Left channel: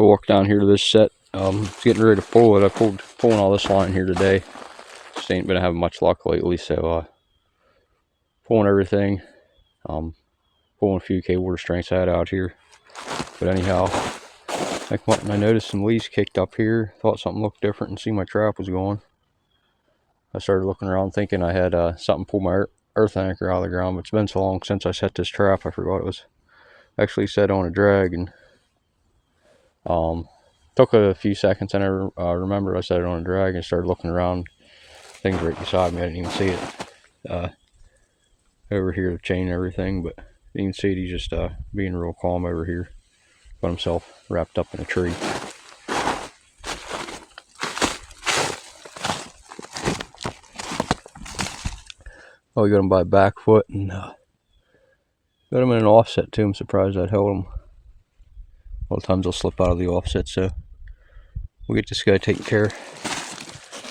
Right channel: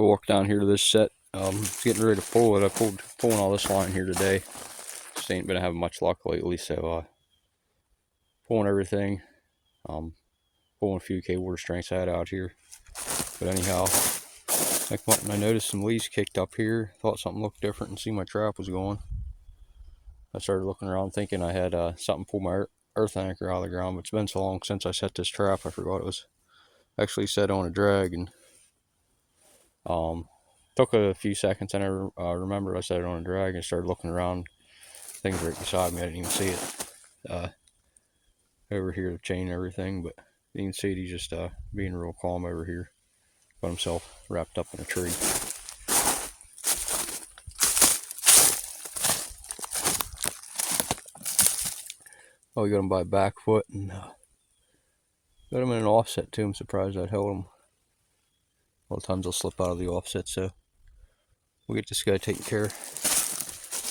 I walked down here to this set. Getting ready to pull it. Pulling all this line here today. Just ain't been having much luck lately, so pulling everything. Pulling a few K-water strengths out here. But anyhow, I noticed some leaves kicked up here. Thought something looked different and see my trap was gone. I started looking around thinking I had something pull my earth anchor out of the ground, but it's been so long since I set this trap, I forgot it was actually set on a drag. And took a few seconds, and I remember I set it on a drag and started looking around. Things right beside me, I didn't even see it. Over here, the chain and everything, but you can see it. He's just being real calm over here. Got himself wrapped up in a tree. Oh, we got him by back foot and got him in an offset too. I'm surprised that held him. A lot of times they'll slip out of the offset, so we'll get this guy taken care of.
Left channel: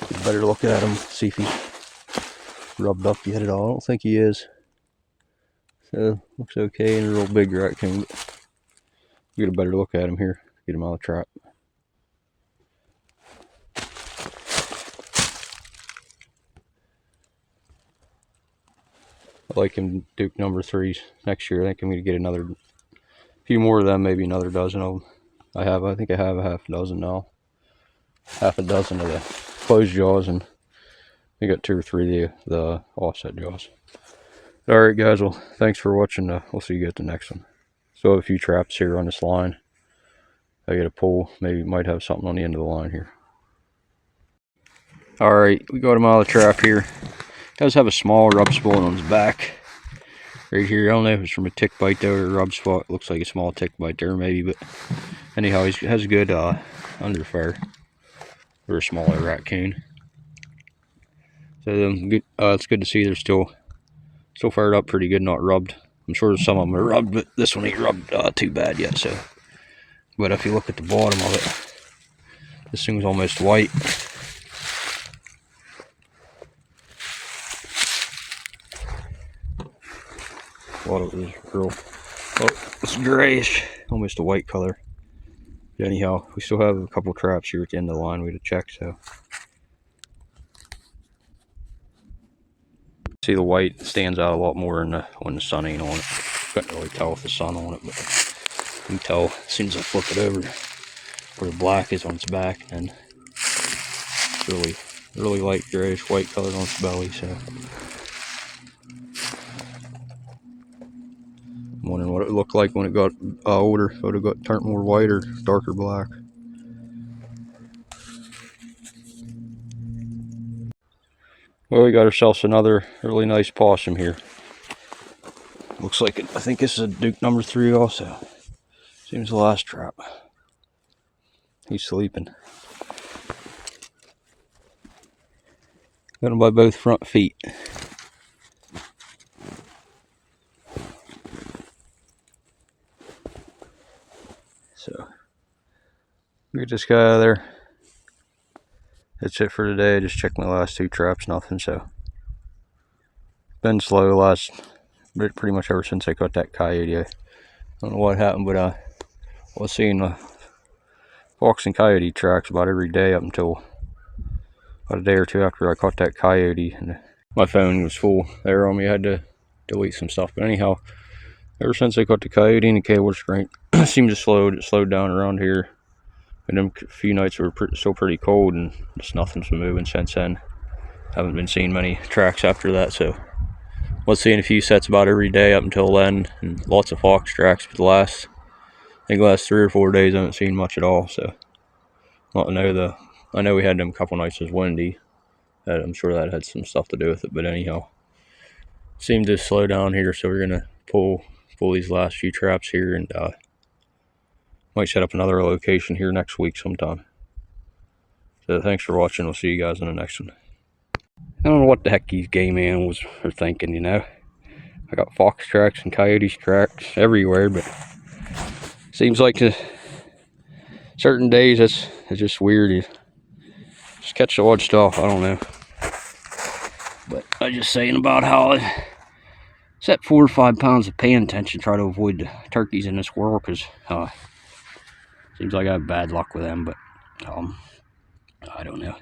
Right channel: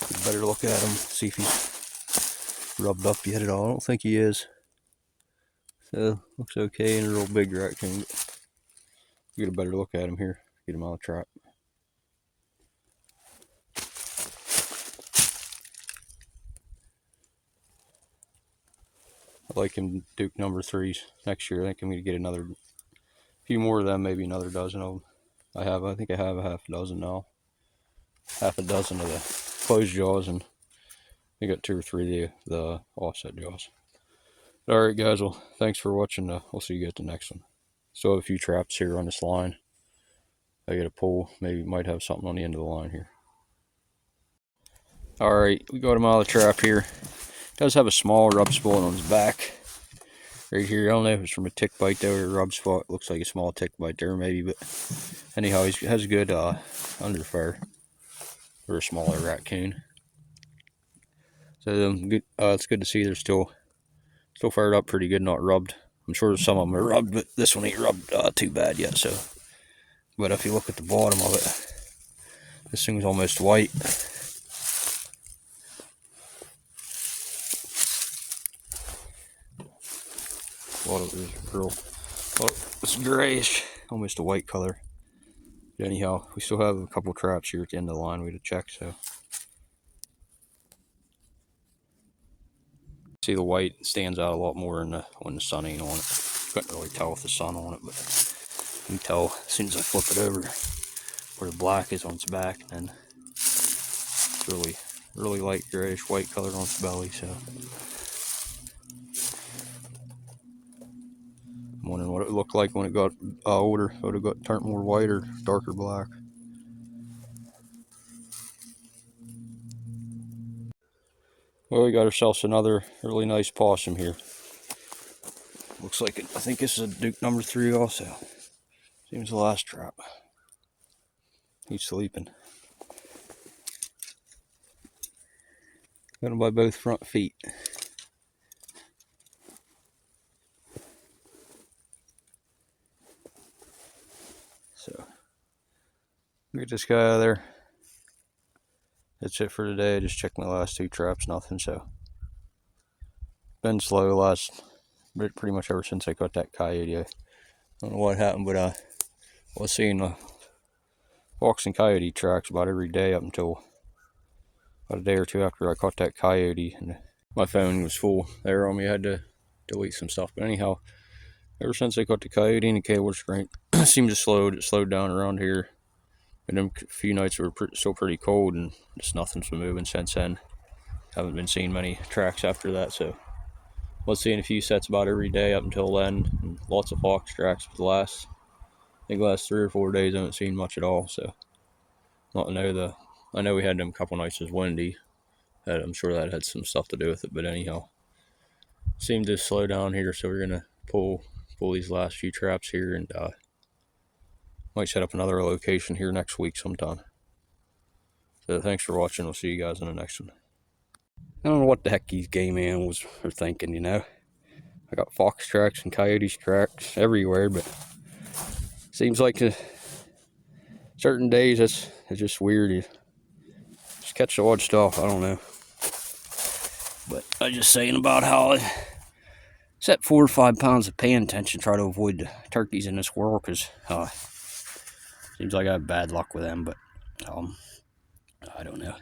Get a better look at him, see if he's rubbed up yet at all. I don't think he is. So looks okay, and a real big raccoon. Get a better look at him here. Get him out of the trap. I like him Duke number 3s next year. I think I'm going to get a few more of them, maybe another dozen of them. I think I have a half a dozen now. Half a dozen of the closed jaws, and I got 2 or 3 of the offset jaws. Alright guys, well thanks for watching. We'll see you at the next one. Still have a few traps here on this line. I get a pull, maybe might have something on the end of the line here. Alright, we got him out of the trap here. Does have a small rub spot on his back right here. I don't know if it's from a tick bite there or a rub spot. Looks like a small tick bite there maybe, but anyhow, he has a good under fur for a smaller raccoon. So it's good to see they're still fired up pretty good, not rubbed. I'm sure some of them are rubbed, but this one ain't rubbed too bad yet. So, but if you look at the bottom of it, this thing's almost white. A lot of it is real. Oh, it's grayish, almost a white color. But anyhow, we still have a couple traps here at the end of the line we had to check. So, see the white stands out a lot more when the sun ain't on it. Couldn't really tell with the sun on it, but you can tell as soon as I flip it over where the black is on its back, and it's really light grayish white color on its belly. So I'm wondering what it looked like when it got older. If it would have got turned more white or darker black. Well, we got ourselves another really nice possum here. Looks like I think this is a Duke number 3 also. Seems the last trap. He's sleeping. Got him by both front feet. So, get this guy out of there. That's it for today. I just checked my last 2 traps, nothing. So, been slow pretty much ever since I caught that coyote. I don't know what happened, but I was seeing fox and coyote tracks about every day up until about a day or 2 after I caught that coyote. And my phone was full there on me. I had to delete some stuff. But anyhow, ever since I caught the coyote and the K-water strength, seemed to it slowed down around here. And them few nights were still pretty cold, and just nothing's been moving since then. Haven't been seeing many tracks after that, so was seeing a few sets about every day up until then, and lots of fox tracks. But the last 3 or 4 days I haven't seen much at all. So I know we had them a couple nights was windy, and I'm sure that had some stuff to do with it. But anyhow, seemed to slow down here, so we're gonna pull these last few traps here, and might set up another location here next week sometime. So thanks for watching. We'll see you guys in the next one. I don't know what the heck these game animals are thinking, you know. I got fox tracks and coyotes tracks everywhere, but seems like certain days it's just weird. You just catch the odd stuff. I don't know. But I was just saying about how I set 4 or 5 pounds of paying attention, try to avoid the turkeys in this world, because Seems like I have bad luck with them, but I don't know.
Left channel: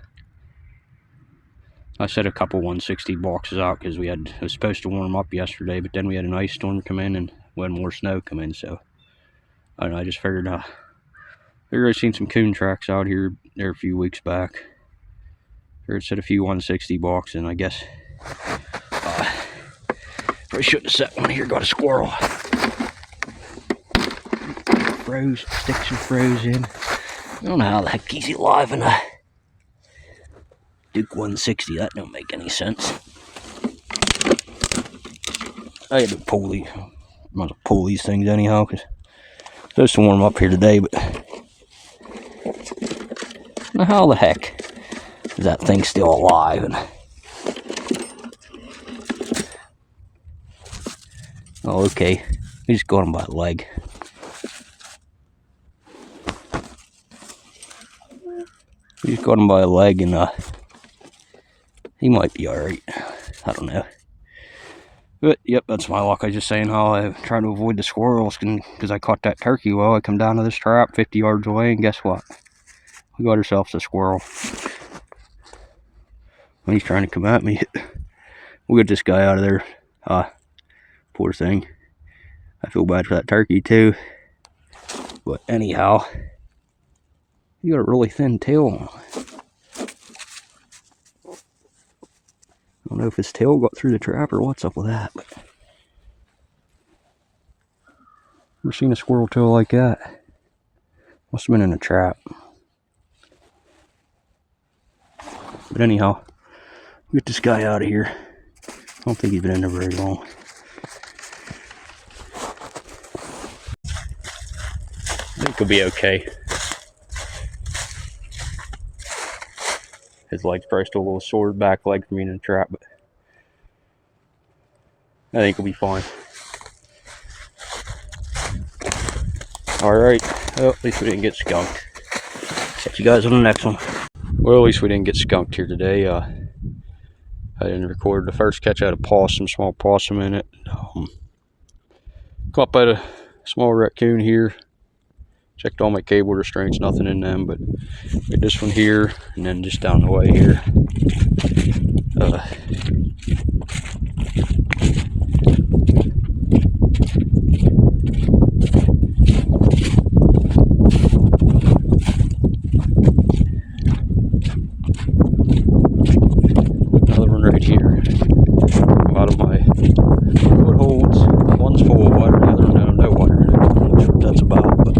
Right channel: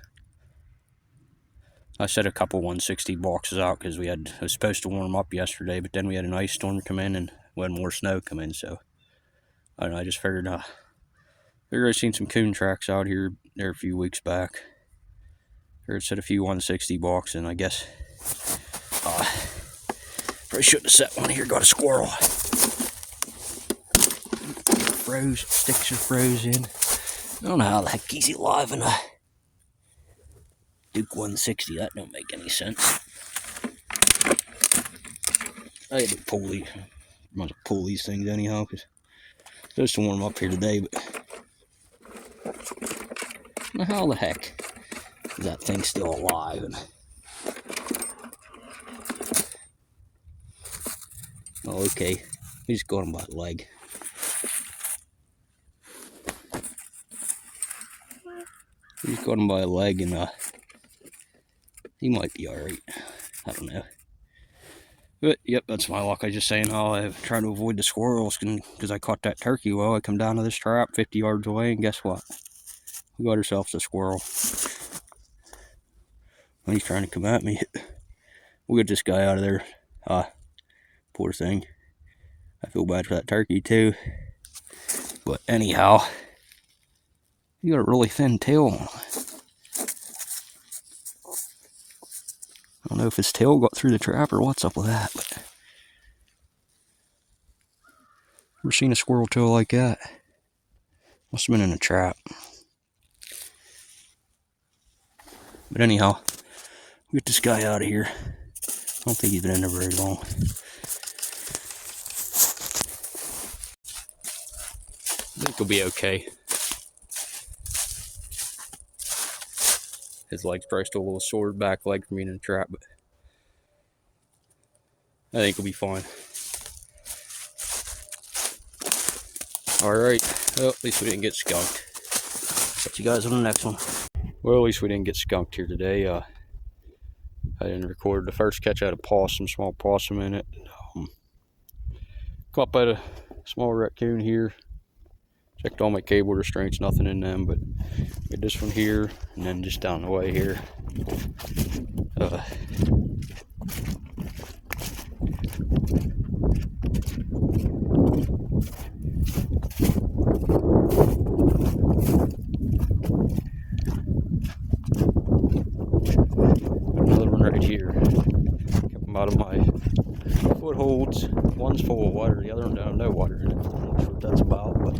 I set a couple 160 boxes out because it was supposed to warm up yesterday, but then we had an ice storm come in and we had more snow come in, so I don't know, I just figured I seen some coon tracks out here there a few weeks back. Figured set a few 160 boxes, and I guess probably shouldn't have set one here, got a squirrel. Sticks are frozen. I don't know how the heck he's alive in a Duke 160, that don't make any sense. I had to pull these things anyhow, because it's supposed to warm up here today, but now how the heck is that thing still alive? And oh, okay, we just got him by the leg. We just got him by a leg, and he might be alright. I don't know. But, yep, that's my luck. I was just saying how I'm trying to avoid the squirrels because I caught that turkey well. I come down to this trap 50 yards away, and guess what? We got ourselves a squirrel. When he's trying to come at me, we'll get this guy out of there. Poor thing. I feel bad for that turkey, too. But anyhow, he got a really thin tail on him. I don't know if his tail got through the trap or what's up with that, but never seen a squirrel tail like that. Must have been in a trap. But anyhow, we get this guy out of here. I don't think he's been in there very long. I think he'll be okay. His leg's probably still a little sore, back leg from being in the trap, but I think he'll be fine. Alright, well, at least we didn't get skunked. Catch you guys on the next one. Well, at least we didn't get skunked here today. I didn't record the first catch. I had a possum, small possum in it. Caught by a small raccoon here. Checked all my cable restraints, nothing in them, but did this one here, and then just down the way here. Another one right here. Come out of my footholds. One's full of water, the other one has no water in it. I'm not sure what that's about, but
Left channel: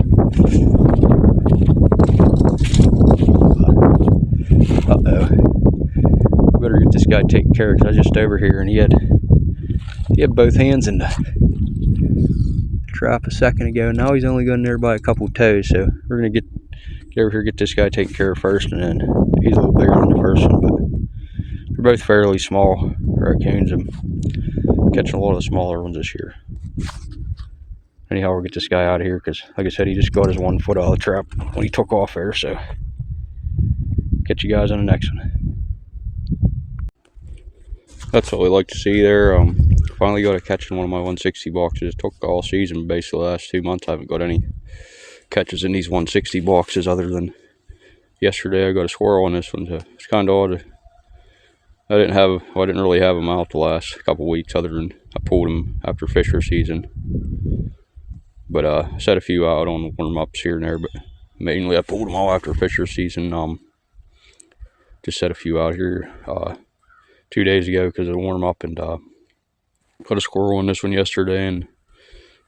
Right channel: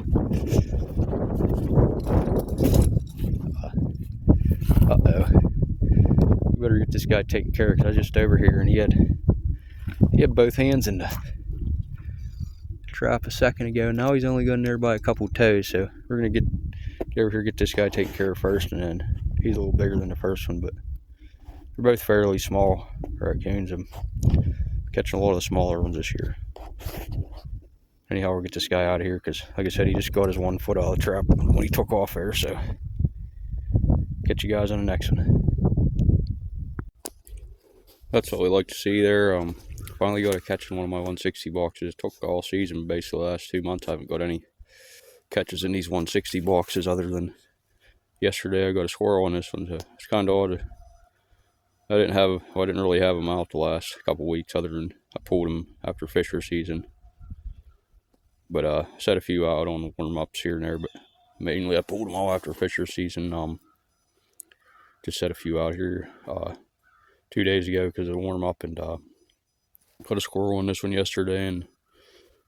we better get this guy taken care of, because I was just over here and he had both hands in the trap a second ago. Now he's only going there by a couple toes, so we're gonna get over here, get this guy taken care of first, and then he's a little bigger than the first one, but they're both fairly small raccoons. I'm catching a lot of the smaller ones this year. Anyhow, we'll get this guy out of here, because like I said, he just got his 1 foot out of the trap when he took off there, so catch you guys on the next one. That's what we like to see there. Finally got a catch in one of my 160 boxes. Took all season, basically the last 2 months I haven't got any catches in these 160 boxes other than yesterday. I got a squirrel in this one, so it's kind of odd. I didn't really have them out the last couple weeks, other than I pulled them after fisher season. But I set a few out on warm-ups here and there, but mainly I pulled them all after fisher season. Just set a few out here 2 days ago because of the warm-up, and got a squirrel in this one yesterday and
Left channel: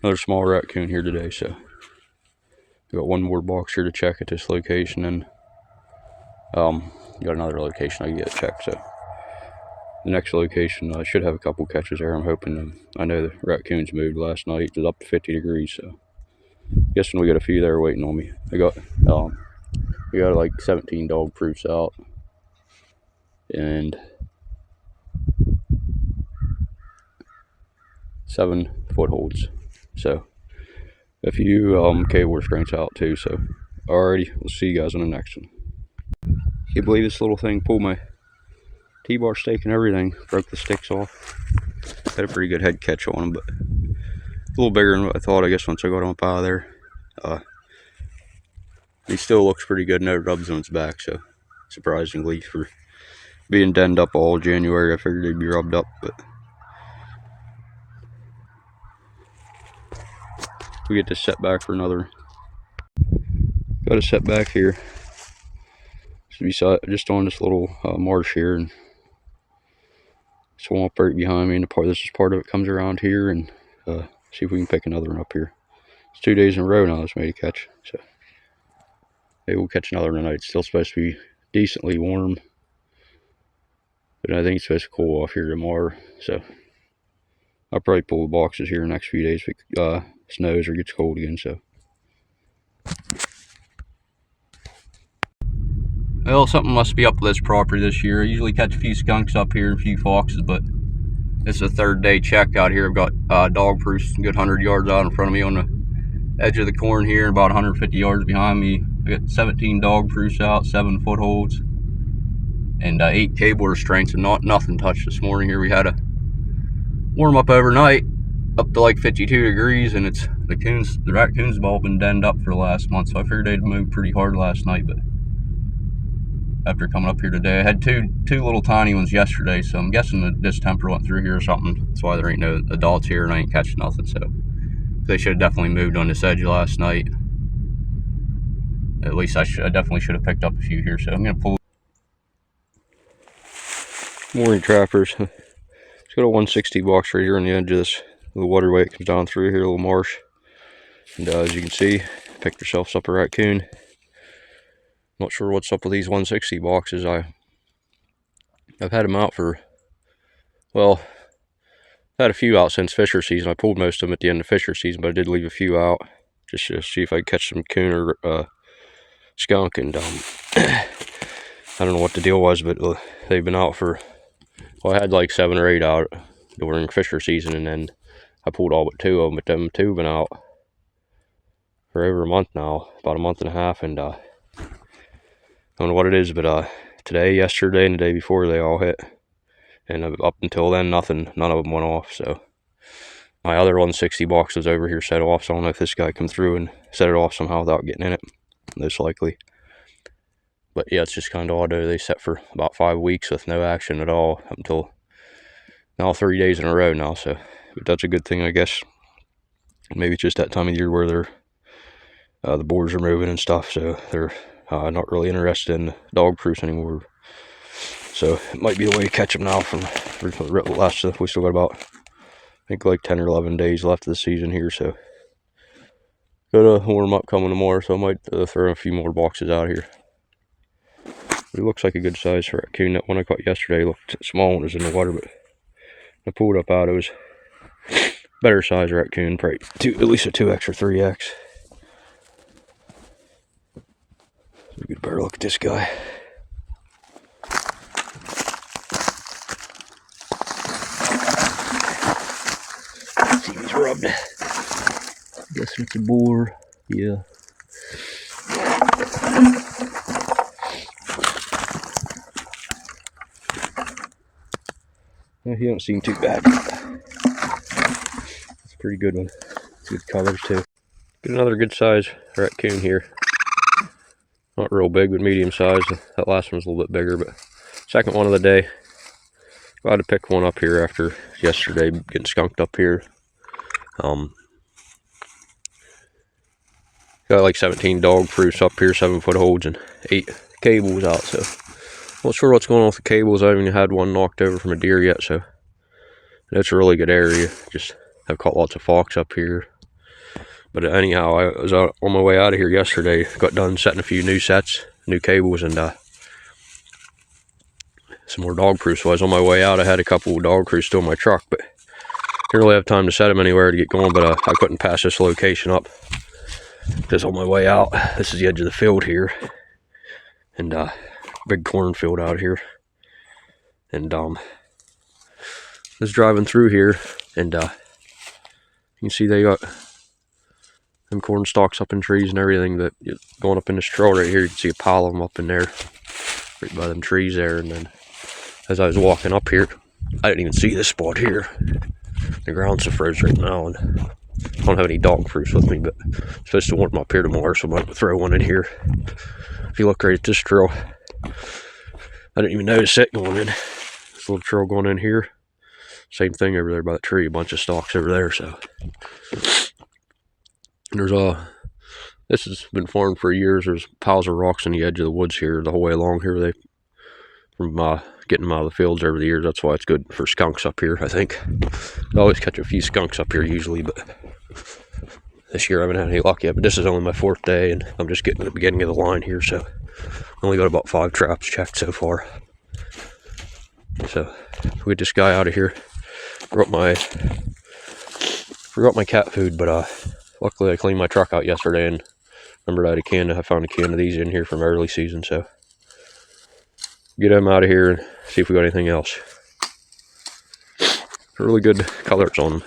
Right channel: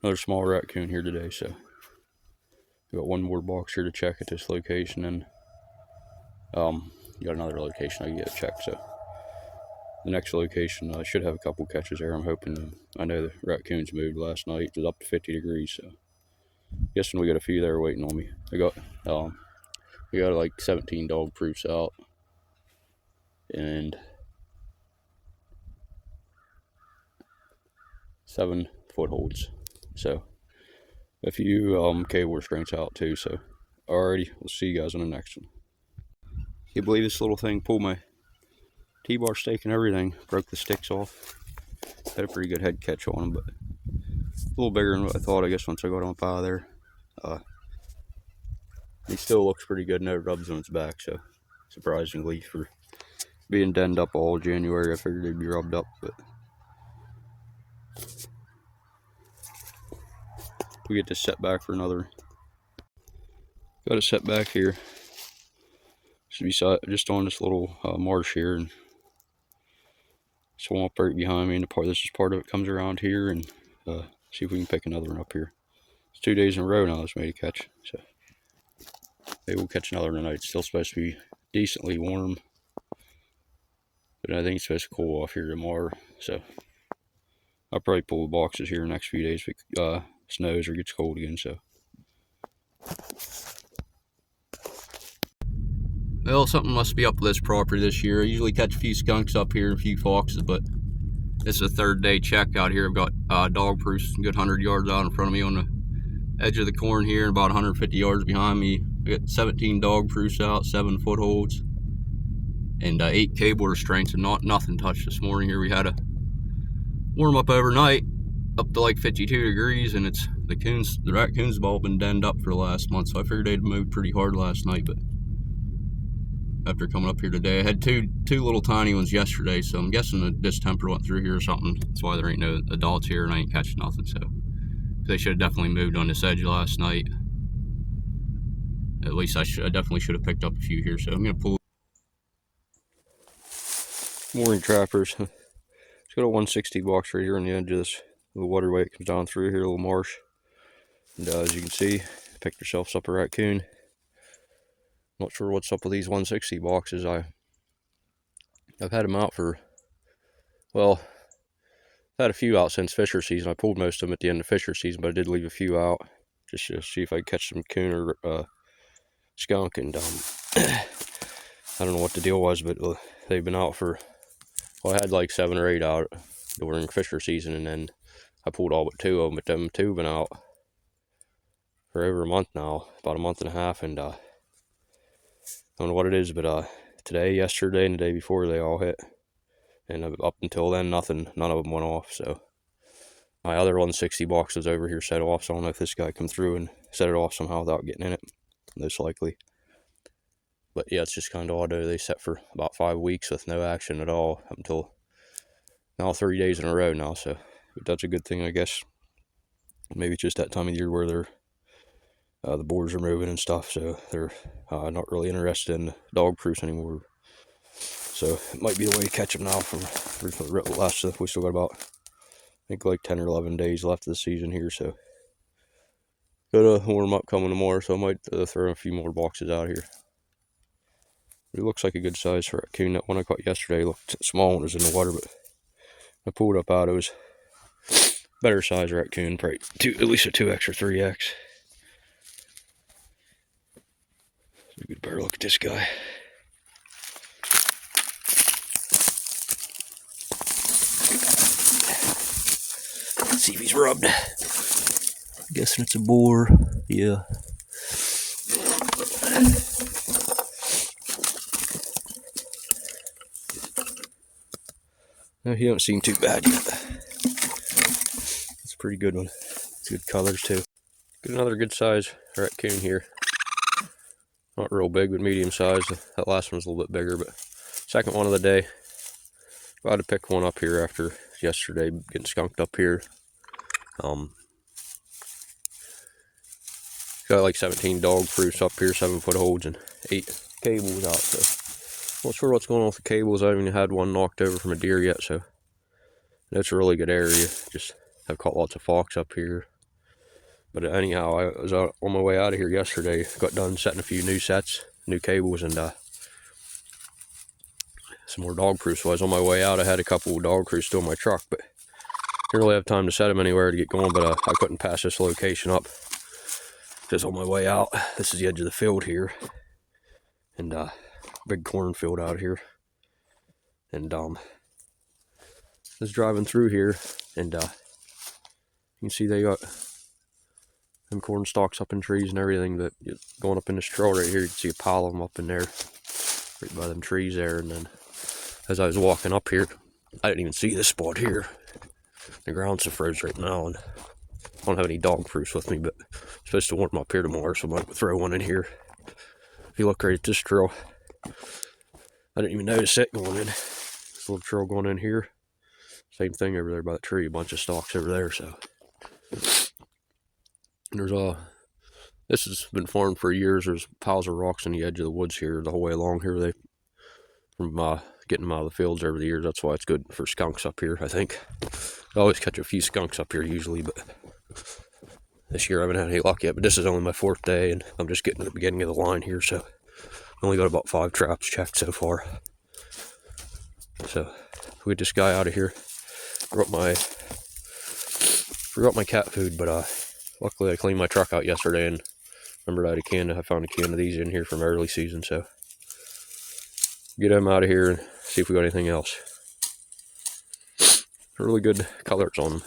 another small raccoon here today. So we got one more box here to check at this location, and got another location I can get checked. So the next location, I should have a couple catches there. I'm hoping. I know the raccoons moved last night. It was up to 50 degrees, so guessing we got a few there waiting on me. We got like 17 dog proofs out, and 7 footholds. So a few cable restraints out too. So alrighty, we'll see you guys on the next one. Can you believe this little thing pulled my T-bar stake and everything, broke the sticks off. Had a pretty good head catch on him, but a little bigger than what I thought, I guess, once I got him up out of there. He still looks pretty good, no rubs on his back, so surprisingly for being denned up all January, I figured he'd be rubbed up, but we get to set back for another. Got a set back here. Just on this little marsh here, and swamp right behind me, and this is part of it comes around here, and see if we can pick another one up here. It's 2 days in a row now this made a catch, so maybe we'll catch another tonight. It's still supposed to be decently warm, but I think it's supposed to cool off here tomorrow, so I'll probably pull the boxes here in the next few days if it snows or gets cold again. So well, something must be up with this property this year. I usually catch a few skunks up here and a few foxes, but it's a third day check out here. I've got dog proofs a good 100 yards out in front of me on the edge of the corn here, and about 150 yards behind me. I got 17 dog proofs out, 7 footholds, and 8 cable restraints, and nothing touched this morning here. We had a warm up overnight up to like 52 degrees, and it's the raccoons have all been denned up for the last month, so I figured they'd moved pretty hard last night. But after coming up here today, I had two little tiny ones yesterday, so I'm guessing that distemper went through here or something. That's why there ain't no adults here and I ain't catching nothing. So they should have definitely moved on this edge last night. At least I definitely should have picked up a few here. So I'm gonna pull. Morning, trappers. It's got a 160 box right here on the edge of this little waterway. It comes down through here, a little marsh, and as you can see, picked yourself up a raccoon. Not sure what's up with these 160 boxes. I've had them out for, well, I've had a few out since fisher season. I pulled most of them at the end of fisher season, but I did leave a few out just to see if I could catch some coon or skunk. And I don't know what the deal was, but they've been out for, well, I had like 7 or 8 out during fisher season, and then I pulled all but 2 of them, but them 2 have been out for over a month now, about a month and a half, and I don't know what it is, but today, yesterday, and the day before, they all hit. And up until then, none of them went off. So my other 160 box was over here set off, so I don't know if this guy come through and set it off somehow without getting in it. Most likely. But yeah, it's just kind of odd. They set for about 5 weeks with no action at all up until now 3 days in a row now. So but that's a good thing, I guess. Maybe it's just that time of year where they're the boars are moving and stuff, so they're not really interested in dog proofs anymore. So it might be a way to catch them now from the last stuff. We still got about, I think, like 10 or 11 days left of the season here, so got a warm up coming tomorrow, so I might throw a few more boxes out here. But it looks like a good size for raccoon. That one I caught yesterday looked small when it was in the water, but I pulled it up out. It was better size raccoon, probably at least a 2X or 3X. So we better look at this guy. Let's see if he's rubbed. I'm guessing it's a boar. Yeah. No, he don't seem too bad. It's a pretty good one. It's good colors too. Get another good size raccoon here. Not real big, but medium size. That last one's a little bit bigger, but second one of the day. I had to pick one up here after yesterday getting skunked up here. Got like 17 dog proofs up here, 7 footholds, and 8 cables out. So not sure what's going on with the cables. I haven't even had one knocked over from a deer yet, so it's a really good area. Just I've caught lots of fox up here. But anyhow, I was out on my way out of here yesterday. Got done setting a few new sets, new cables, and some more dog proofs. So I was on my way out. I had a couple of dog proofs still in my truck, but didn't really have time to set them anywhere to get going. But I couldn't pass this location up. Just on my way out. This is the edge of the field here, and big cornfield out here. And was driving through here, and you can see they got them corn stalks up in trees and everything that going up in this trail right here. You can see a pile of them up in there, right by them trees there. And then as I was walking up here, I didn't even see this spot here. The ground's so froze right now, and I don't have any dog proofs with me, but I'm supposed to warm up here tomorrow, so I might throw one in here. If you look right at this trail, I didn't even notice it going in. This little trail going in here. Same thing over there by the tree, a bunch of stalks over there. So there's this has been farmed for years. There's piles of rocks on the edge of the woods here, the whole way along here. They from getting them out of the fields over the years. That's why it's good for skunks up here, I think. I always catch a few skunks up here usually, but this year I haven't had any luck yet. But this is only my 4th day, and I'm just getting to the beginning of the line here, so I only got about 5 traps checked so far. So we get this guy out of here. Forgot my cat food, but luckily I cleaned my truck out yesterday and remembered I found a can of these in here from early season, so get them out of here and see if we got anything else. Really good colors on them.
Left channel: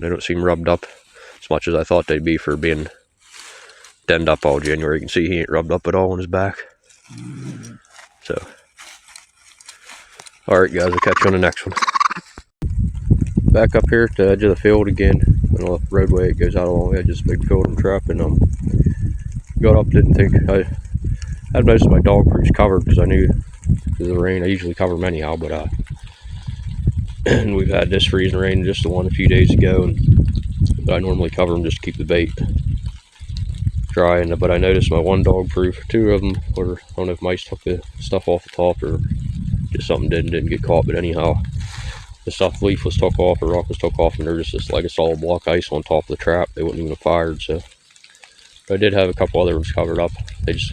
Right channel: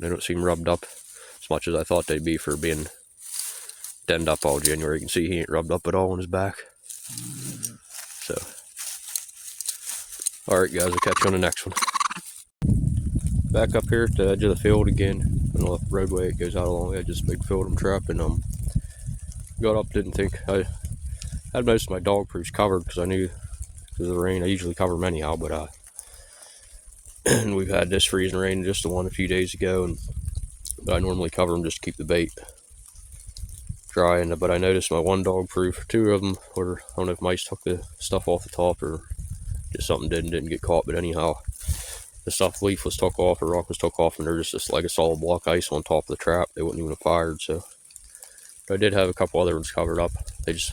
They don't seem rubbed up as much as I thought they'd be for being denned up all January. You can see he ain't rubbed up at all on his back. So, alright guys, I'll catch you on the next one. Back up here at the edge of the field again. On the roadway, it goes out along the edge of this big field I'm trapping. Got up, didn't think. I had most of my dog proofs covered because I knew because of the rain. I usually cover them anyhow, but and we've had this freezing rain, just the one a few days ago, but I normally cover them just to keep the bait dry. But I noticed my one dog proof, 2 of them were, I don't know if mice took the stuff off the top or just something didn't get caught, but anyhow, the stuff leaf was took off, or rock was took off, and they're just like a solid block ice on top of the trap. They wouldn't even have fired. So, but I did have a couple other ones covered up. They just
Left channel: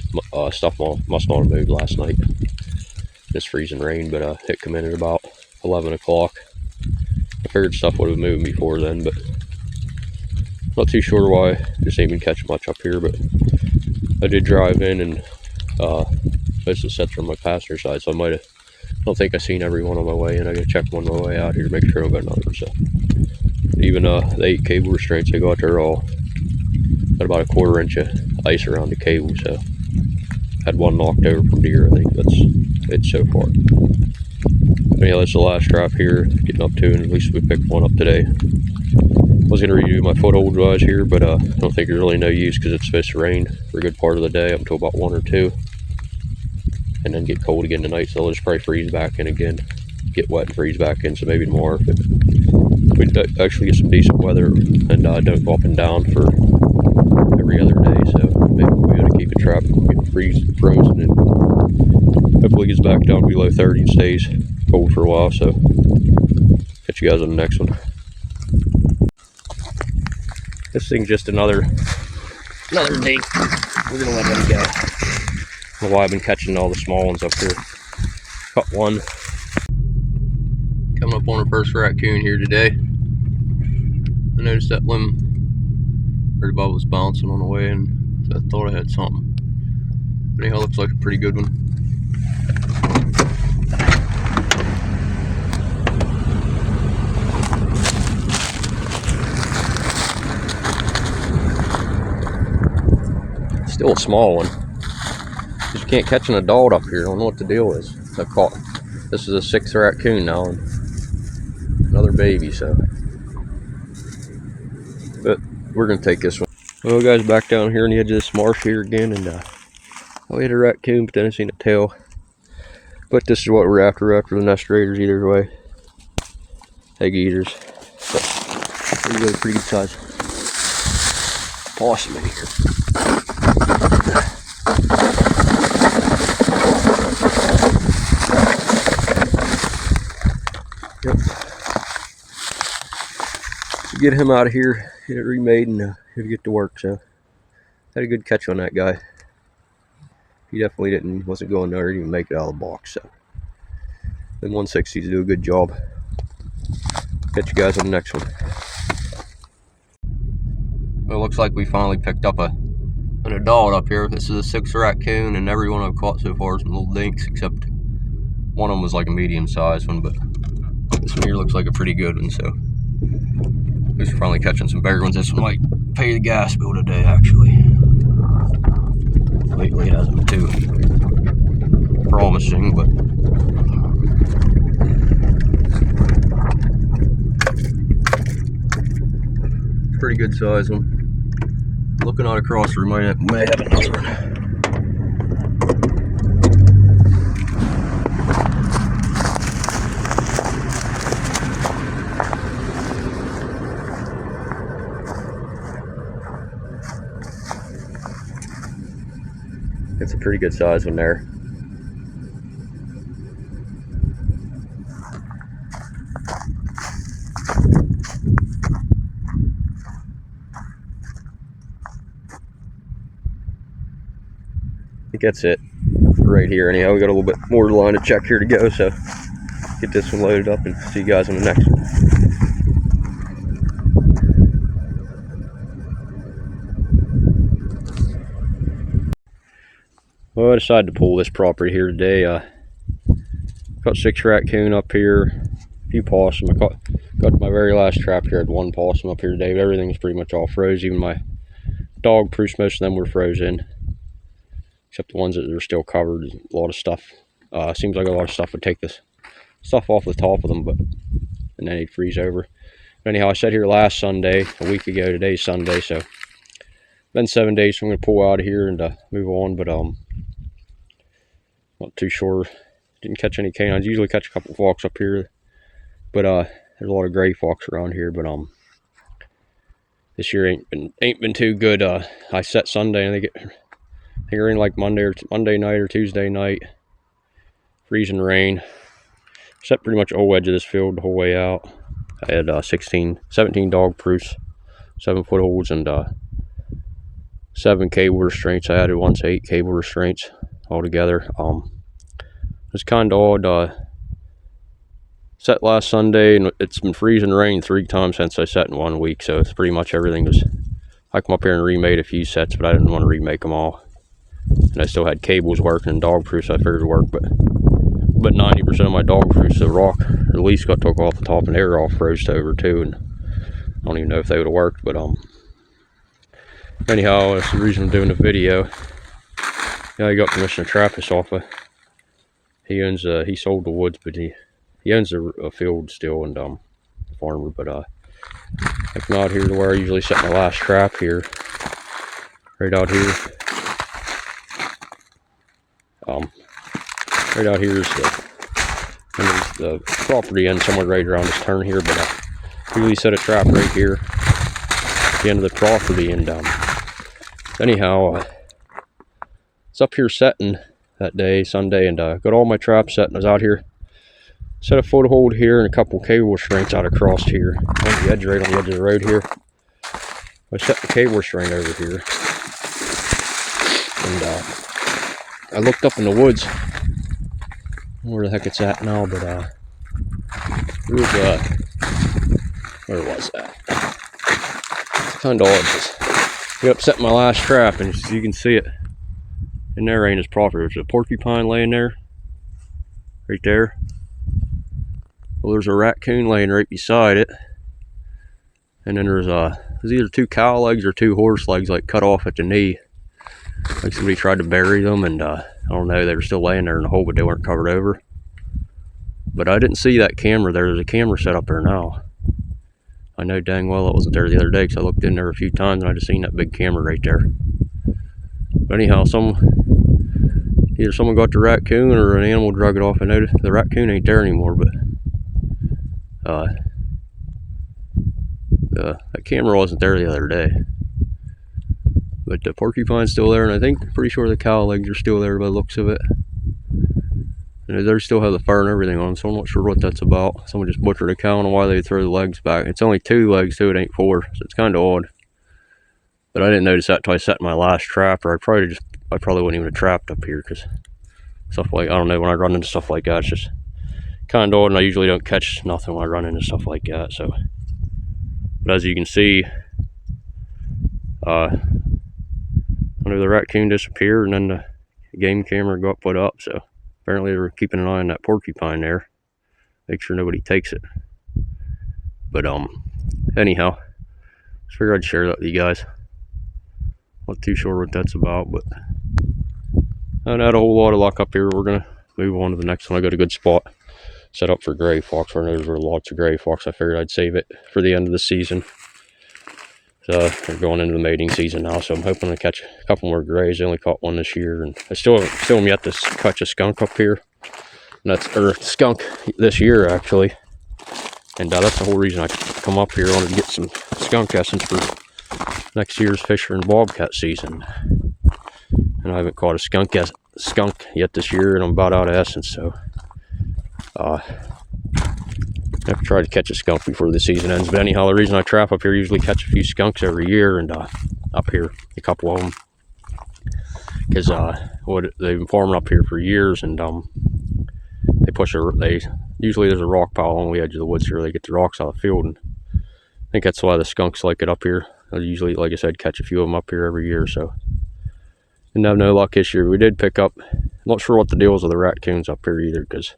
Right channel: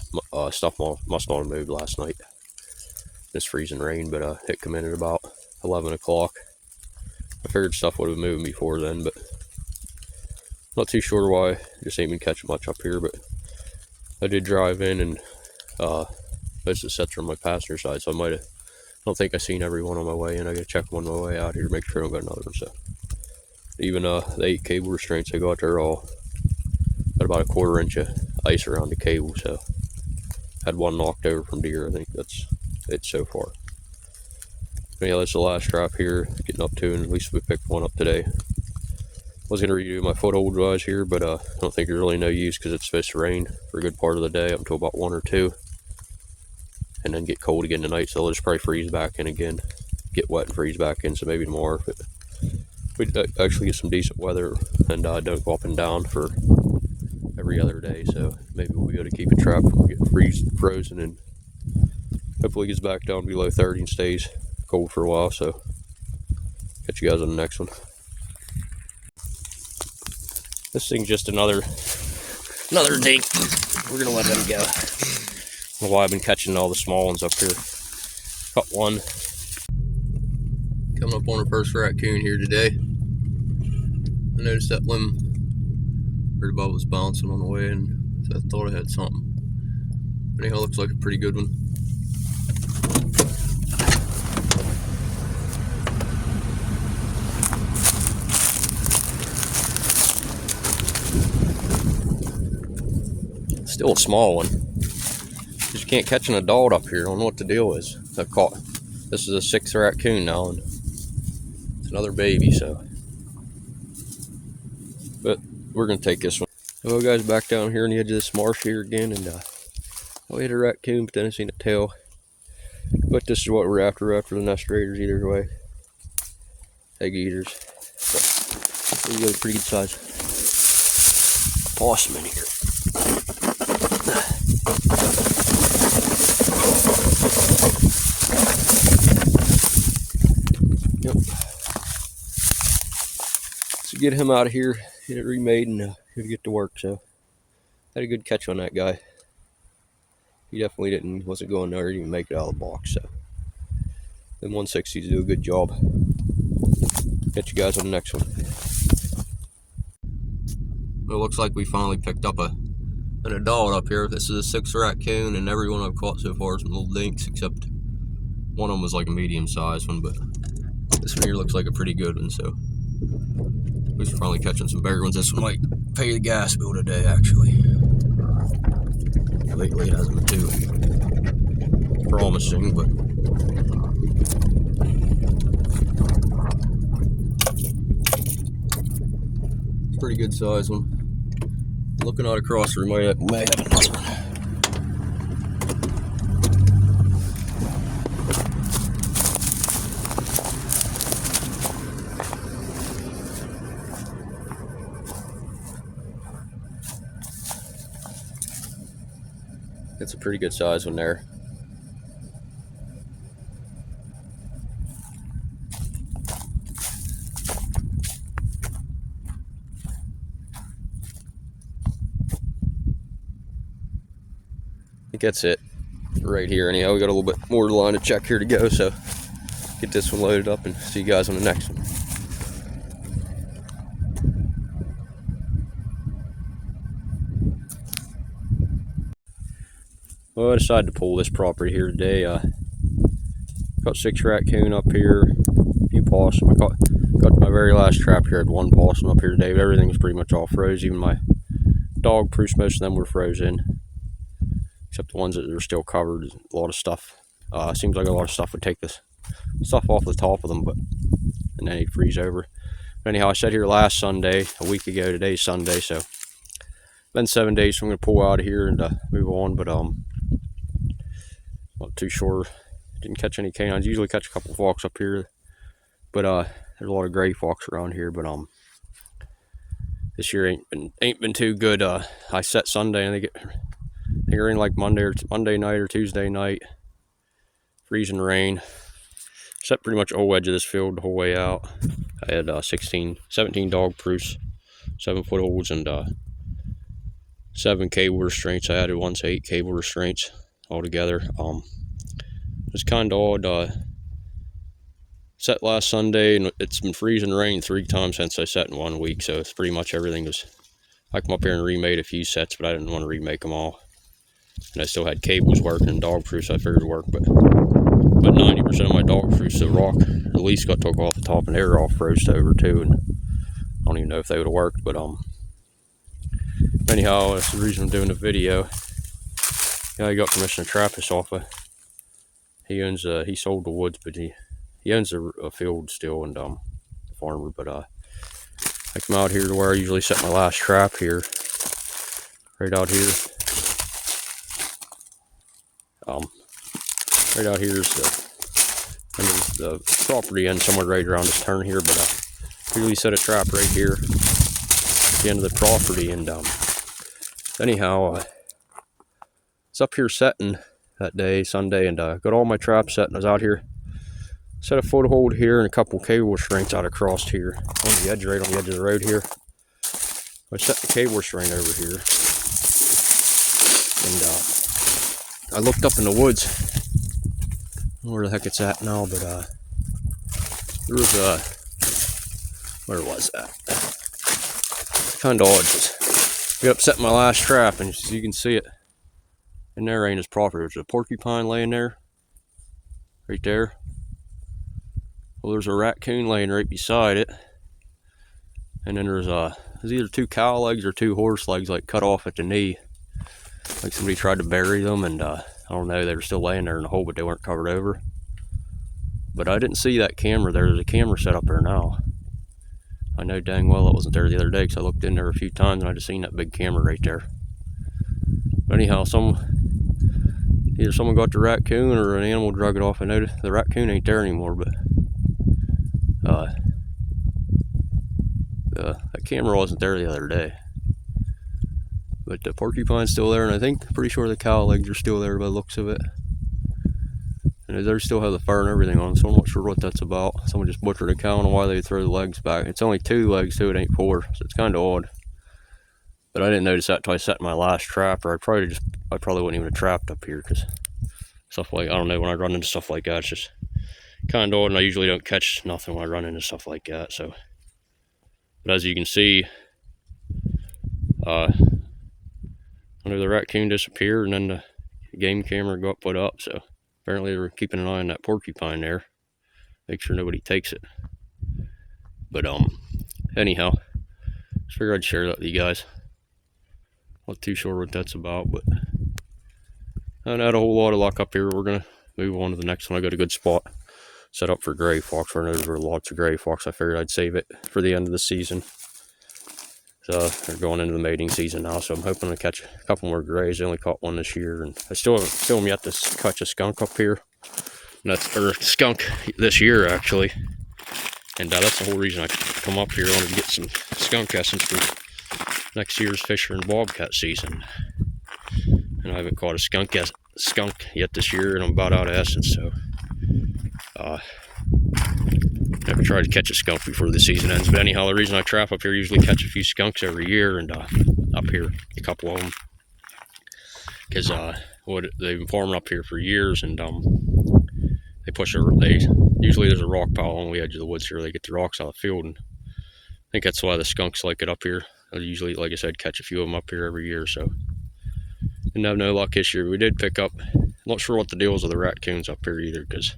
stuff must not have moved last night. This freezing rain, but it come in at about 11 o'clock. I figured stuff would have moved before then, but not too sure why. Just ain't been catching much up here, but I did drive in, and most of the sets are on my passenger side, so I don't think I've seen every one on my way in. I gotta check one on my way out here to make sure I don't got another. So even the 8 cable restraints I got there all got about a 1/4 inch of ice around the cable, so had one knocked over from deer. I think that's it so far. Anyhow, that's the last trap here, getting up to, and at least we picked one up today. I was going to redo my foothold guys here, but I don't think there's really no use because it's supposed to rain for a good part of the day up until about 1 or 2, and then get cold again tonight, so I'll just probably freeze back in again, get wet and freeze back in. So maybe tomorrow if we actually get some decent weather and don't go up and down for every other day, so maybe we'll be able to keep it trapped and get frozen, and hopefully it gets back down below 30 and stays cold for a while. So catch you guys on the next one. This thing's just another dink. We're gonna let him go. I don't know why I've been catching all the small ones up here. Caught one. Coming up on our first raccoon here today. I noticed that limb right above was bouncing on the way, and so I thought I had something. But anyhow, looks like a pretty good one. Still a small one. You can't catch an adult up here. I don't know what the deal is. I caught. This is a 6th raccoon now, and another baby. So, but we're gonna take this one. Well, guys, back down here on the edge of this marsh here again, and I had a raccoon, but then I seen a tail. But this is what we're after the nest raiders either way. Egg eaters. But pretty good size. Awesome in here. Yep. So get him out of here, get it remade, and he'll get to work. So had a good catch on that guy. He definitely wasn't going nowhere, even make it out of the box. So them 160s do a good job. Catch you guys on the next one. Well, it looks like we finally picked up an adult up here. This is a 6th raccoon, and every one I've caught so far is some little dinks, except one of them was like a medium-sized one, but this one here looks like a pretty good one. So at least we're finally catching some bigger ones. This one might pay the gas bill today, actually. Lately it hasn't been too promising, but it's pretty good size one. Looking out across, we may have another one. It's a pretty good size one there. I think that's it right here. Anyhow, we got a little bit more line to check here to go, so get this one loaded up and see you guys on the next one. Well, I decided to pull this property here today. Caught 6 raccoon up here, a few possum. I got my very last trap here. I had 1 possum up here today, but everything's pretty much all froze. Even my dog proofs, most of them were frozen, except the ones that are still covered. A lot of stuff. Seems like a lot of stuff would take this stuff off the top of them, and then it'd freeze over. Anyhow, I sat here last Sunday, a week ago. Today's Sunday, so been 7 days, so I'm gonna pull out of here and move on. But not too sure. Didn't catch any canines. Usually catch a couple fox up here, but there's a lot of gray fox around here. But this year ain't been too good. I set Sunday and they rain like Monday night or Tuesday night. Freezing rain. Set pretty much whole edge of this field the whole way out. I had 17 dog proofs, 7-foot holds, and 7 cable restraints. I added once 8 cable restraints altogether. It's kind of odd. Set last Sunday, and it's been freezing rain 3 times since I set in 1 week, so it's pretty much everything was. I come up here and remade a few sets, but I didn't want to remake them all. And I still had cables working and dog proofs I figured would work, but 90% of my dog proofs, the rock at least got took off the top, and they were all froze over too, and I don't even know if they would have worked. But anyhow, that's the reason I'm doing the video. Yeah, I got permission to trap this off of. He owns he sold the woods, but he owns a field still, and farmer. But I come out here to where I usually set my last trap here, right out here. Right out here is the property end somewhere right around this turn here, but I usually set a trap right here at the end of the property. And anyhow, it's up here setting that day, Sunday, and got all my traps set, and I was out here, set a foothold here and a couple cable restraints out across here on the edge, right on the edge of the road here. I set the cable restraint over here, and I looked up in the woods. I don't know where the heck it's at now, but there was where was that? Kind of odd. Just get up, set my last trap, and you can see it. And there ain't his property. There's a porcupine laying there, right there. Well, there's a raccoon laying right beside it, and then there's either 2 cow legs or 2 horse legs, like cut off at the knee. Like somebody tried to bury them, and I don't know, they were still laying there in the hole, but they weren't covered over. But I didn't see that camera there. There's a camera set up there now. I know dang well it wasn't there the other day, because I looked in there a few times and I just seen that big camera right there. But anyhow, either someone got the raccoon or an animal drug it off. I know the raccoon ain't there anymore, but that camera wasn't there the other day. But the porcupine's still there, and I think, pretty sure the cow legs are still there by the looks of it. And they still have the fur and everything on, so I'm not sure what that's about. Someone just butchered a cow, and why they throw the legs back. It's only 2 legs too, it ain't 4, so it's kind of odd. But I didn't notice that till I set my last trap, or I probably wouldn't even have trapped up here, because stuff like, I don't know, when I run into stuff like that, it's just kind of odd, and I usually don't catch nothing when I run into stuff like that. So, but as you can see, the raccoon disappeared, and then the game camera got put up, so apparently they were keeping an eye on that porcupine there, make sure nobody takes it. But anyhow, just figured I'd share that with you guys. Not too sure what that's about, but I haven't had a whole lot of luck up here. We're gonna move on to the next one. I got a good spot set up for gray fox. I know there were lots of gray fox. I figured I'd save it for the end of the season. We're going into the mating season now, so I'm hoping to catch a couple more grays. I only caught one this year, and I still am yet to catch a skunk up here. And that's skunk this year actually, and that's the whole reason I come up here. I wanted to get some skunk essence for next year's fisher and bobcat season. And I haven't caught a skunk yet this year, and I'm about out of essence, so never tried to catch a skunk before the season ends. But anyhow, the reason I trap up here, usually catch a few skunks every year, and up here a couple of them, because they've been farming up here for years, and usually there's a rock pile on the edge of the woods here. They get the rocks out of the field, and I think that's why the skunks like it up here. I usually, like I said, catch a few of them up here every year, so didn't have no luck this year. We did pick up, not sure what the deal is with the raccoons up here either, because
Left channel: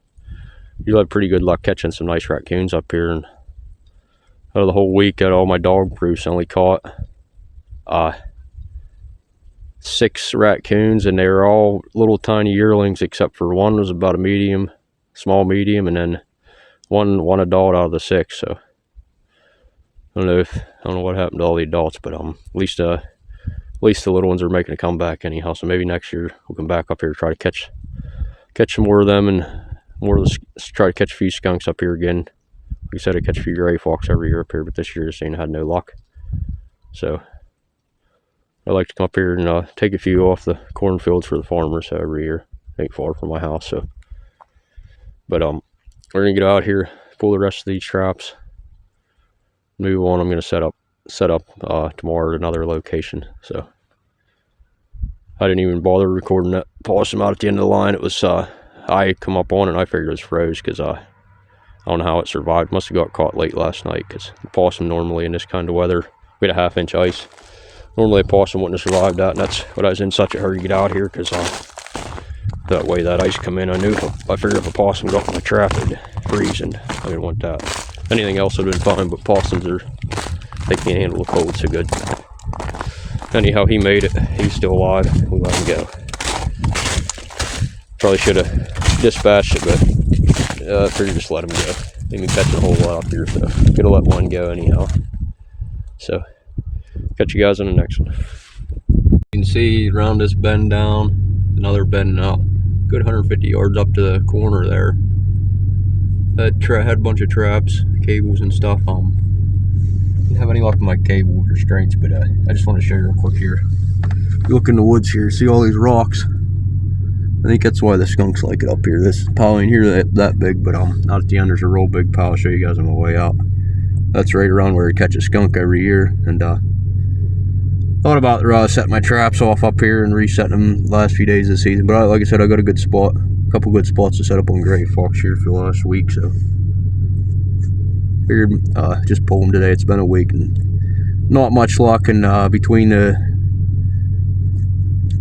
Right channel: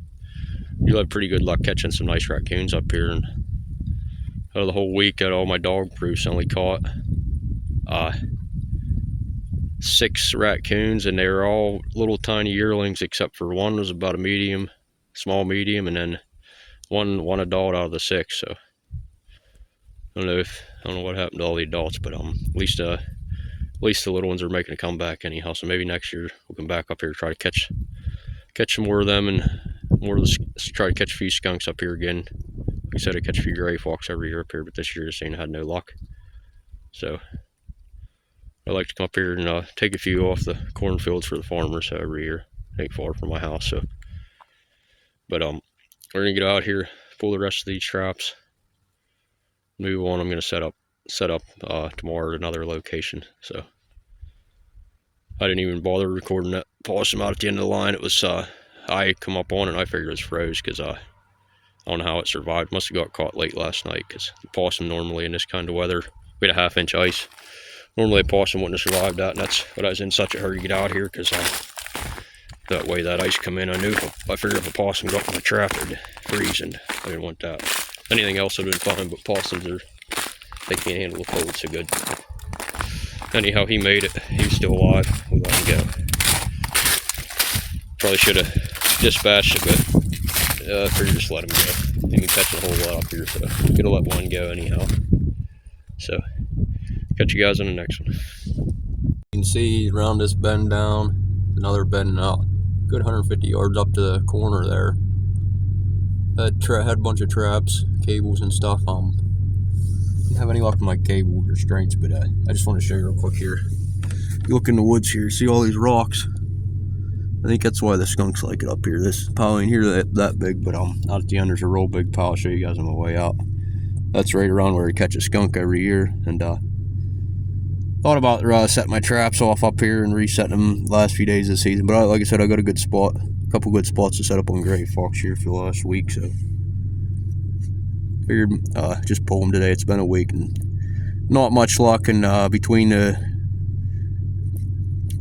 you had pretty good luck catching some nice raccoons up here, and out of the whole week at all my dog proofs, I only caught 6 raccoons, and they were all little tiny yearlings, except for one was about a small medium, and then one adult out of the 6. So I don't know what happened to all the adults, but at least the little ones are making a comeback anyhow. So maybe next year we'll come back up here, try to catch some more of them, and try to catch a few skunks up here again. Like I said, I catch a few gray fox every year up here, but this year just ain't had no luck. So I like to come up here and take a few off the cornfields for the farmers every year. Ain't far from my house, so. But we're gonna get out here, pull the rest of these traps, move on. I'm gonna set up tomorrow at another location. So I didn't even bother recording that possum out at the end of the line. It was I come up on it and I figured it was froze, because I don't know how it survived. Must have got caught late last night, because the possum normally in this kind of weather, we had a 1/2 inch ice. Normally a possum wouldn't have survived that, and that's what I was in such a hurry to get out here, because that way that ice come in, I figured if a possum got in the trap, it'd freeze, and I didn't want that. Anything else would have been fine, but possums they can't handle the cold so good. Anyhow, he made it. He was still alive. We let him go. Probably should have dispatched it, but I figured just let him go. They can catch a whole lot up here, so gonna let one go anyhow. So catch you guys on the next one. You can see around this bend down, another bend out, good 150 yards up to the corner there. Had a bunch of traps, cables and stuff. Didn't have any luck with my cable restraints, but I just want to show you real quick here. You look in the woods here, see all these rocks. I think that's why the skunks like it up here. This pile ain't here that big, but out at the end there's a real big pile. I'll show you guys on my way out. That's right around where we catch a skunk every year, and thought about setting my traps off up here and resetting them the last few days of the season. But like I said, I got a couple good spots to set up on gray fox here for the last week, so figured just pull them today. It's been a week and not much luck, and between the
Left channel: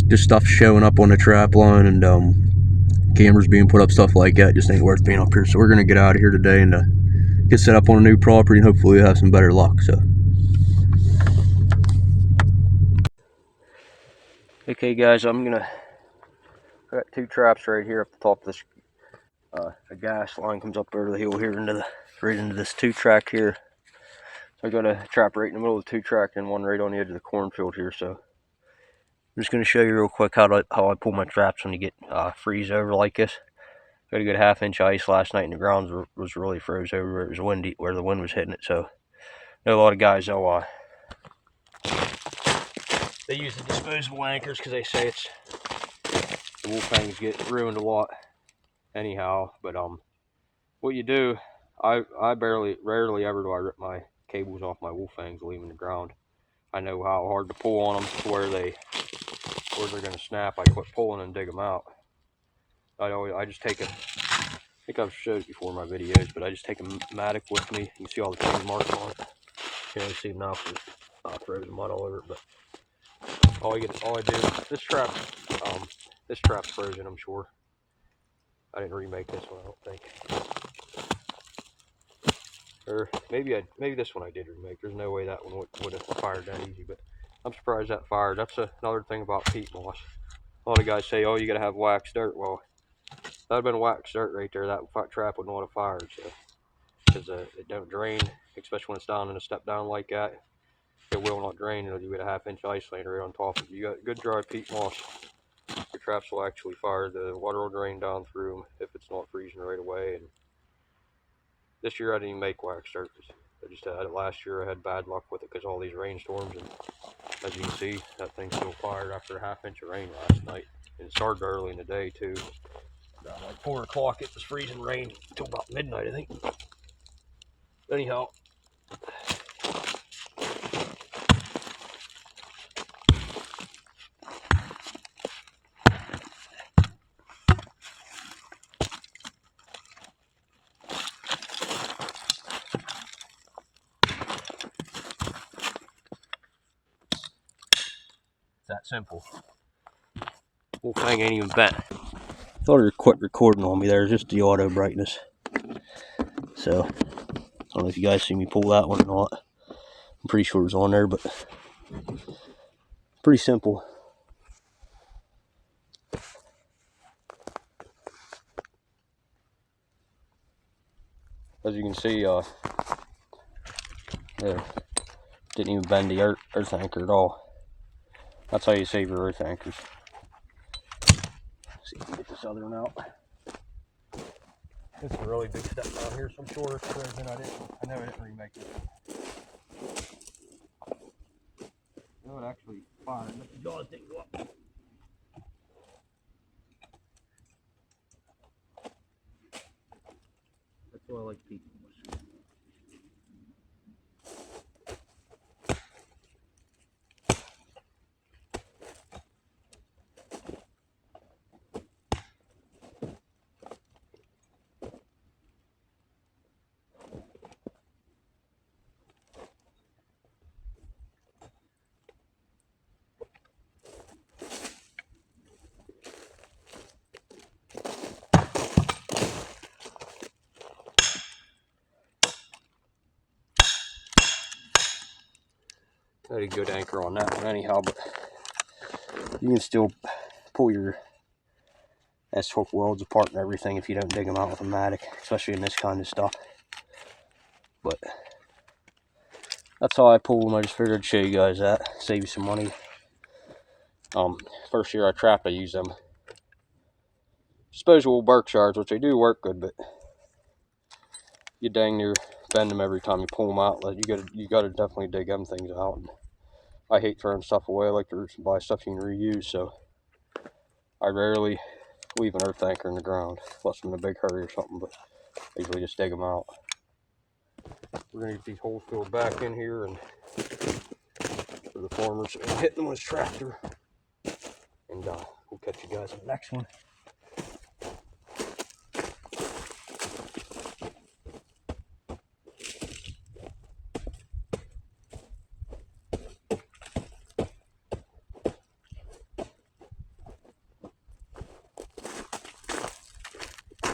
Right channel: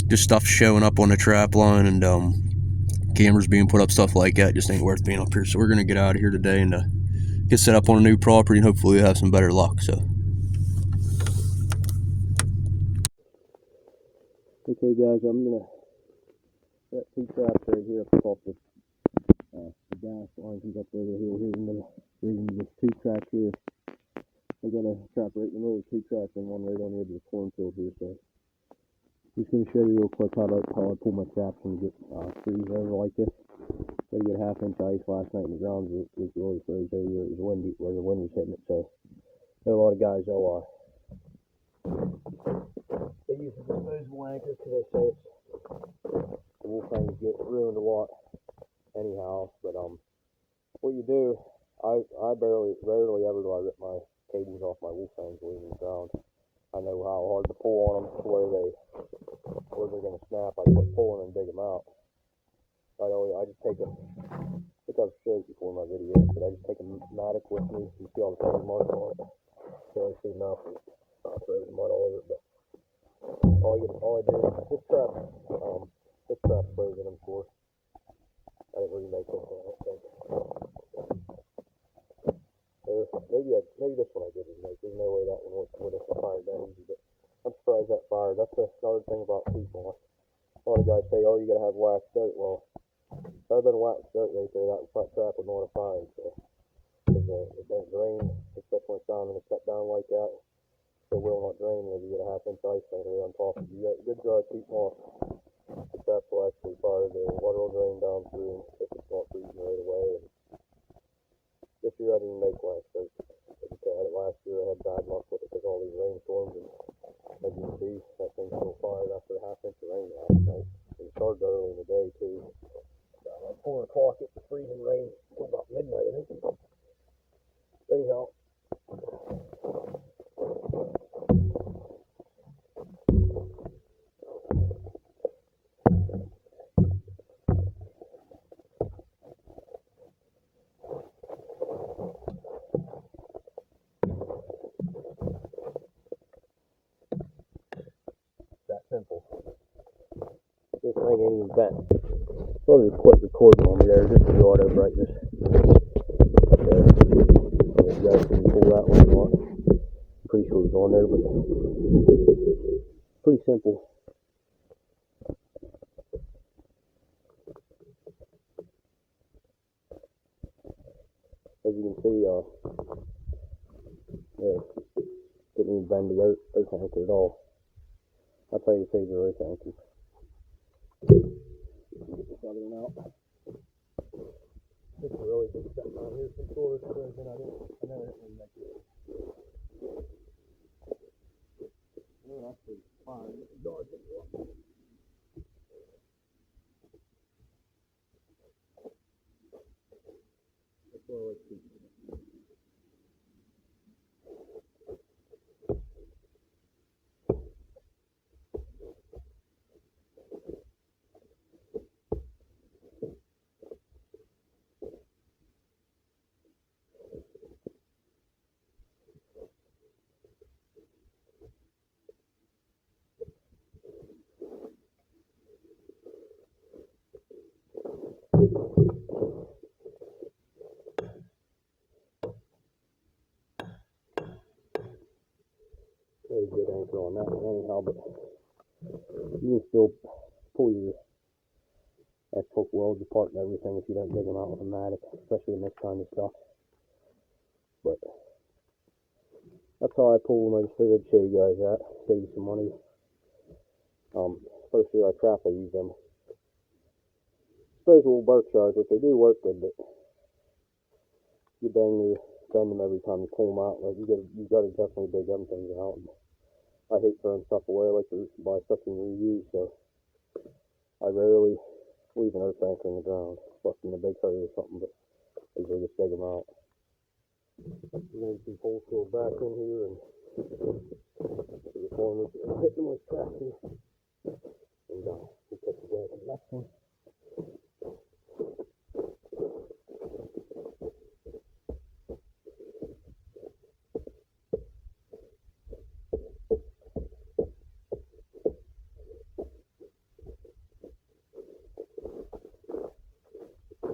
just stuff showing up on the trap line and cameras being put up, stuff like that, just ain't worth being up here. So we're gonna get out of here today and get set up on a new property, and hopefully we'll have some better luck. So okay guys, I got 2 traps right here up the top of this a gas line comes up over the hill here right into this 2-track here. So I got a trap right in the middle of the 2-track and one right on the edge of the cornfield here. So I'm just going to show you real quick how I pull my traps when you get freeze over like this. Got a good 1/2 inch ice last night, and the ground was really froze over where it was windy, where the wind was hitting it. So I know a lot of guys they use the disposable anchors because they say the wolf fangs get ruined a lot anyhow. But what you do, I rarely ever do I rip my cables off my wolf fangs leaving the ground. I know how hard to pull on them to where they're gonna snap. I quit pulling and dig them out. I just take I think I've showed it before in my videos, but I just take a Matic with me. You can see all the tiny marks on it. Can't really see them now because frozen mud all over it. But all I do, this trap's frozen, I'm sure. I didn't remake this one, I don't think. Or maybe this one I did remake. There's no way that one would have fired that easy, but I'm surprised that fired. That's another thing about peat moss. A lot of guys say, oh, you gotta have waxed dirt. Well, if that had been waxed dirt right there, that trap would not have fired. So, because it don't drain, especially when it's down in a step down like that. it will not drain until you get a 1/2 inch ice layer right on top. If you got good dry peat moss, your traps will actually fire. The water will drain down through them if it's not freezing right away. And this year I didn't even make wax surface. I just had it last year. I had bad luck with it because all these rainstorms, and as you can see, that thing still fired after a 1/2 inch of rain last night. And it started early in the day too. Around like 4 o'clock, it was freezing rain until about midnight, I think. Anyhow, it's that simple. Whole thing ain't even bent. Thought it quit recording on me there, just the auto brightness. So, I don't know if you guys see me pull that one or not. I'm pretty sure it's on there, but pretty simple. As you can see, there, didn't even bend the earth anchor at all. That's how you save your earth anchors. Let's see if we can get this other one out. It's a really big step down here, so I'm sure it's frozen. I know I didn't remake it. No, it actually fired. Let the jaws thing go up. That's why I like peat moss. I had a good anchor on that one anyhow, but you can still pull your S-hook welds apart and everything if you don't dig them out with a matic, especially in this kind of stuff. But that's how I pull them. I just figured I'd show you guys that, save you some money. First year I trapped, I used them disposable Berkshires, which they do work good, but you dang near bend them every time you pull them out. You gotta definitely dig them things out. And I hate throwing stuff away. I like to buy stuff you can reuse, so I rarely leave an earth anchor in the ground unless I'm in a big hurry or something, but I usually just dig them out. We're gonna get these holes filled back in here, and for the farmers hitting them with his tractor, and we'll catch you guys in the next one.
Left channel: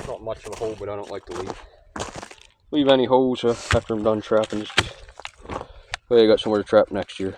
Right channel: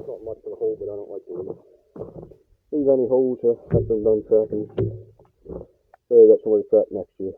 Not much of a hole, but I don't like to leave any holes after I'm done trapping. Just way I got somewhere to trap next year.